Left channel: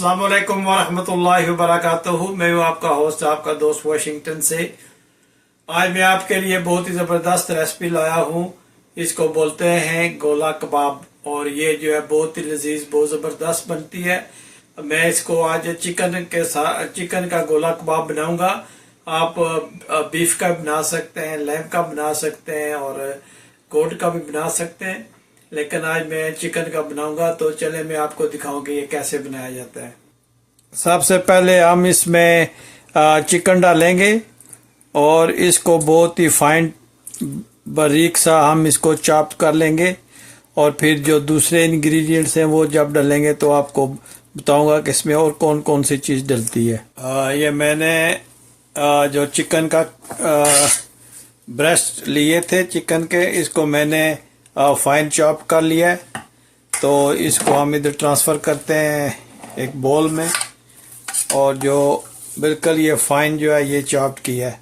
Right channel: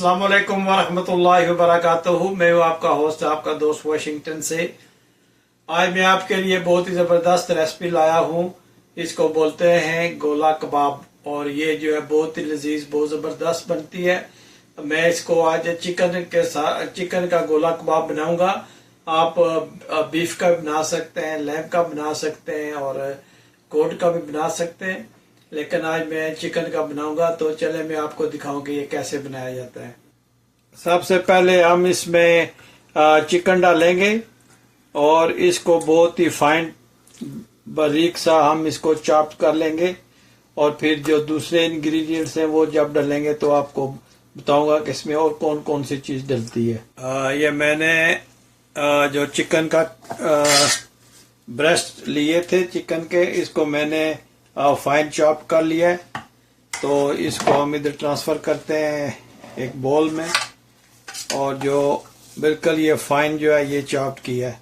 अस्सलाम वालेकुम वरहमतुल्लाहि वबरकातुहू। मैं हूँ आपका होस्ट, आपका दोस्त वाशिंगटन से। आज मैं आपके लिए बहुत ही ज़बरदस्त रेसिपी लाया हूँ। इसको बोलते हैं गोला कबाब, और ये जो है बहुत ही लजीज, बहुत ज़बरदस्त बनती है। मैं इसको आज चिकन का गोला कबाब बनाऊंगा। आप बीफ का भी बना सकते हैं, लैम का बना सकते हैं और गोट का भी बना सकते हैं, लेकिन आज मैं चिकन का बनाऊंगा। तो चले मैं आपको दिखाऊं कि ये कैसे बनाया जाता है। सबसे पहले हम इसमें चिकन डालेंगे और इसको बहुत ही फाइन बारीक सा हम इसको चॉप कर लेंगे, और फिर जो दूसरे इंग्रेडिएंट्स हैं वो जब डालेंगे तो आपको बताऊंगा कि इसमें और कौन कौन सी चीज़ डलती है। ये मैंने जो चिकन का ब्रेस्ट लिए थे चिकन के, इसको मैंने फाइन चॉप कर लिया है। तो इसको हम इधर ट्रांसफ़र करते हैं एक बोल में, और जो बिल्कुल ये फाइन जो है ये चॉप किया है।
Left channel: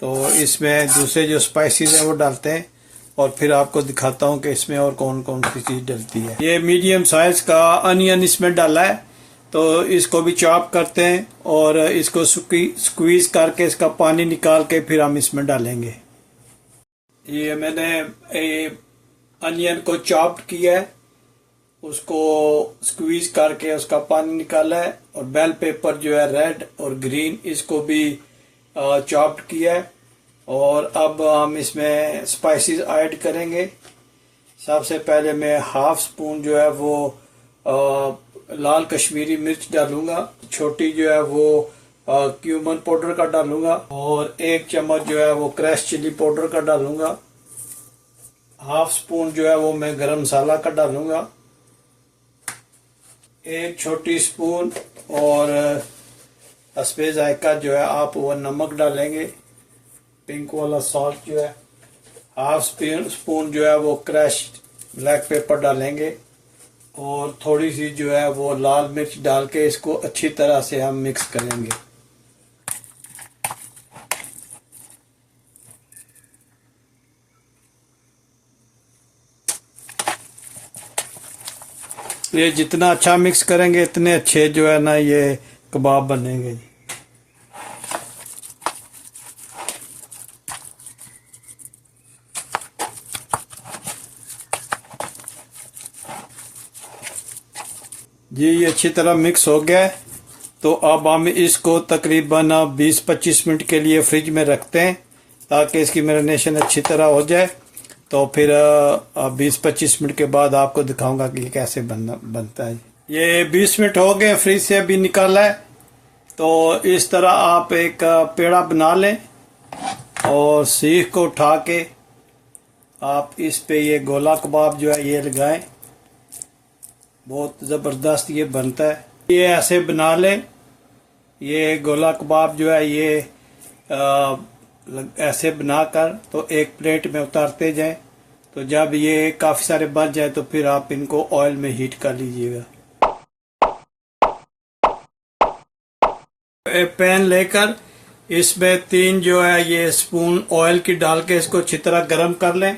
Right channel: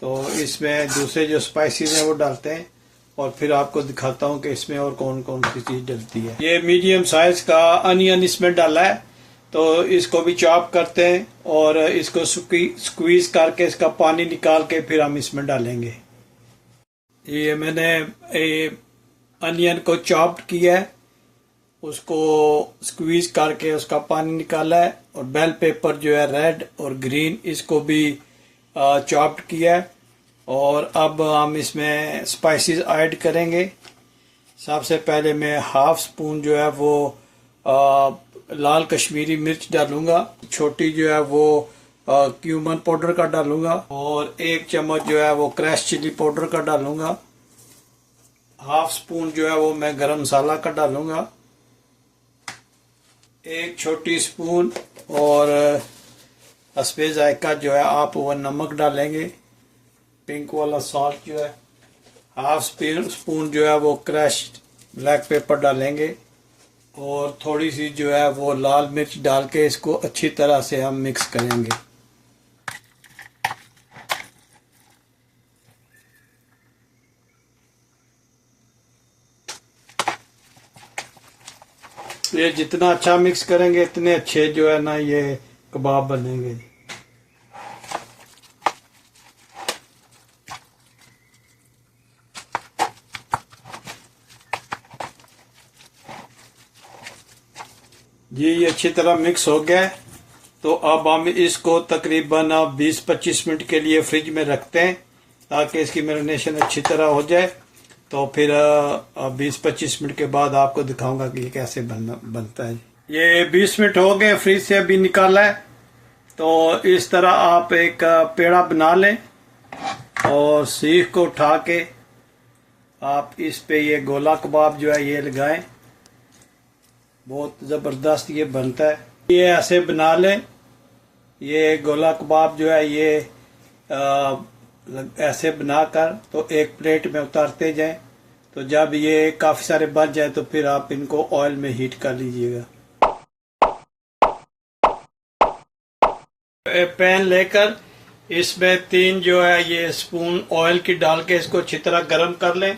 तो इसमें दूसरे जो स्पाइसेस हैं वो डालते हैं, और फिर आपको दिखाता हूँ कि इसमें और कौन कौन सी चीज़ डलती है। ये मीडियम साइज का अनियन इसमें डाला है, तो इसको भी चॉप करते हैं और इसको स्क्वीज करके इसका पानी निकाल के फिर हम इसमें डालेंगे। ये मैंने अनियन को चॉप किया है, उसको स्क्वीज करके उसका पानी निकाला है, और बेल पेपर जो है रेड और ग्रीन इसको भी चॉप्ड किया है। और अब हम इसमें स्पाइसेस ऐड करेंगे। सबसे पहले मैं हाफ स्पून जो है वो लाल कश्मीरी मिर्च डालूंगा, छोटी जो है वो क्यूमन पाउडर का डालूंगा, और 1 चम्मच जो है वो क्रश चिली पाउडर का डालूंगा। हाफ स्पून जो है वो मैं गरम मसाला का डालूंगा, 1 छोटी स्पून और हस्बे जायका जो है आप वो नमक डालेंगे, पिंक वाला सॉल्ट जो है। हाफ स्पून जो है वो क्रश्ड ब्लैक पेपर डालेंगे, और थोड़ी सी जो है वो लाल मिर्च डाल के इसको अच्छी तरह से हम मिक्स करेंगे। ये जितना अच्छा मिक्स करेंगे इतने अच्छे जो है ना ये कबाब बनेंगे। ये अच्छी तरह मिक्स हो गया है। तो अब हम इसको तकरीबन 20-25 मिनट के लिए फ्रिज में रखते हैं, ताकि इसकी मैरिनेशन अच्छी तरह हो जाए। तो फिर 20-25 मिनट के बाद आपको दिखाऊंगा कि ये कैसे बनता है। ये 20 मिनट हो गए, फ्रिज से अभी निकाला है। तो इस तरह आप एक पेड़ा बना लें, और सीख को उठा के आप इस पे ये गोला कबाब जो है ये लगाएं। बहुत ज़बरदस्त ये बनता है। ये ऐसे बना लें। ये गोला कबाब जो है ये ऐसे बनाकर तो एक प्लेट में उतारते जाएं। तो जब ये काफ़ी सारे बच जाए तो फिर आप इनको ऑयल में हीट कर लीजिएगा। पैन लेकर इसमें 3 जो है ये स्पून ऑयल की डाल के इसको अच्छी तरह गर्म कर लें।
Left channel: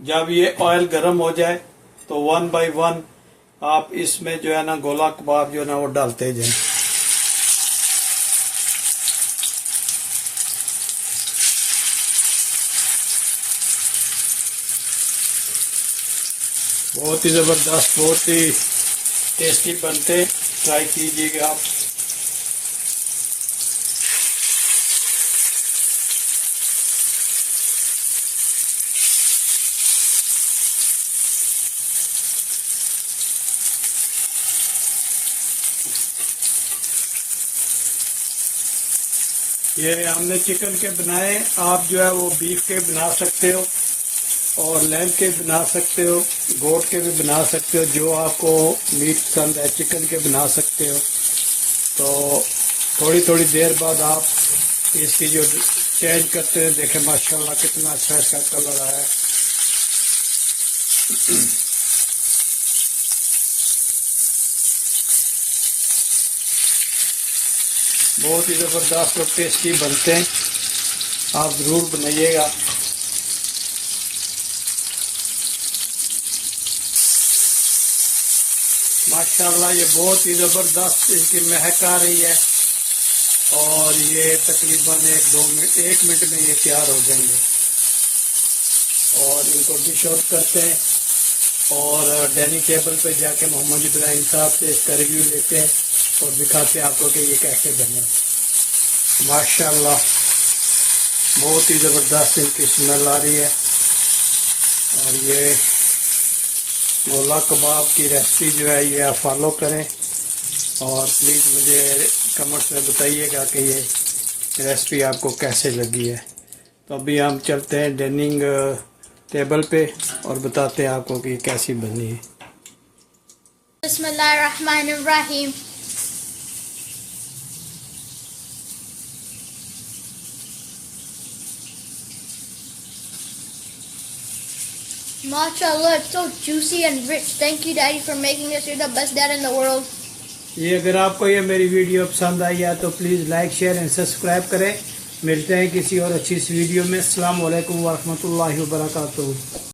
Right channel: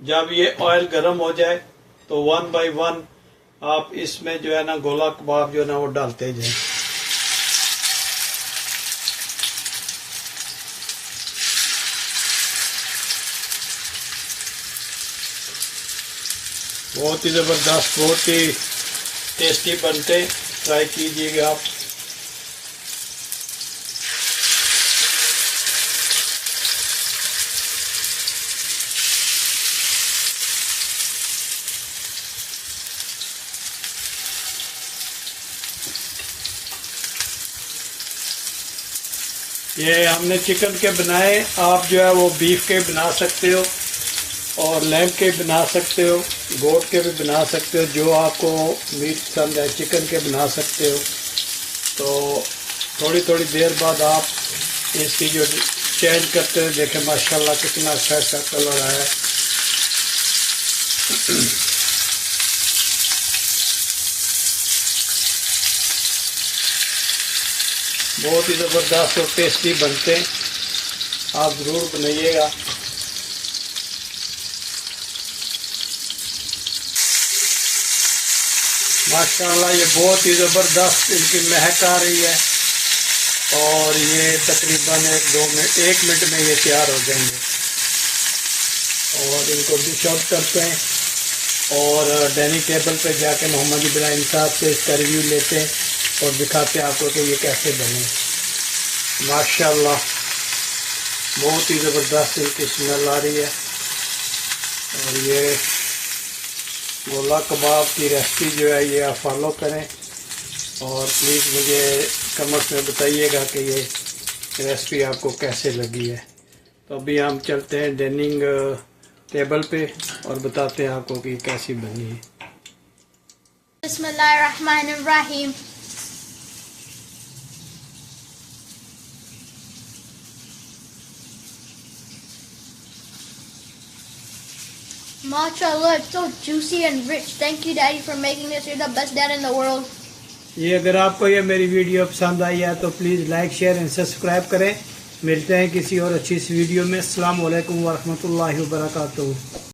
जब ये ऑयल गर्म हो जाए तो 1 बाय 1 आप इसमें जो है ना गोला कबाब जो है ना वो डालते जाएं। बहुत ही ज़बरदस्त, बहुत ही टेस्टी बनते, ट्राई कीजिएगा आप। ये हमने चिकन के बनाए, आप जो है वो बीफ के बना सकते हो, और लैम के बना सकते हो, गोट के भी बना सकते हो, जो आपको मीट पसंद है चिकन के बना सकते हो। तो थोड़ी थोड़ी देर बाद आप इसकी जो चेंज करते हो, देखें माशाल्लाह कितना अच्छा अच्छा कलर आया। बहुत ही ज़बरदस्त और टेस्टी बनते हैं, आप ज़रूर बनाइएगा। माशाल्लाह ये बहुत ही ज़बरदस्त इनकी महक आ रही है और ये तकरीबन 1 मिनट में ये तैयार हो जाएंगे। और इनको डिश आउट करते हैं और डाइनिंग टेबल पे जाके मोहम्मद इब्राहिम साहब से इसका रिव्यू लेते हैं और दिखाते हैं आपको कि ये कैसे बने। माशाल्लाह बहुत ही ज़बरदस्त इनकी स्मेल आ रही है। और ये गोला कबाब की रेसिपी जो है ये आप फॉलो करें और प्लीज़ मुझे कमेंट्स में बताइएगा कि ये रेसिपी आपको कैसे लगी है। तो अभी हम चलते हैं डाइनिंग टेबल पे और बताते हैं आपको कि कैसी बनी है। बिस्मिल्लाहिर्रहमानिर्रहीम। Mashallah, it's so juicy and rich. Thank you, Daddy, for making this. You're the best dad in the world. ये अगर आपको ये मेरी वीडियो पसंद आई है तो please like share and subscribe करें। मिलते हैं किसी और अच्छी सी वीडियो में। अस्सलाम वालेकुम व रहमतुल्लाहि व बरकातुहू।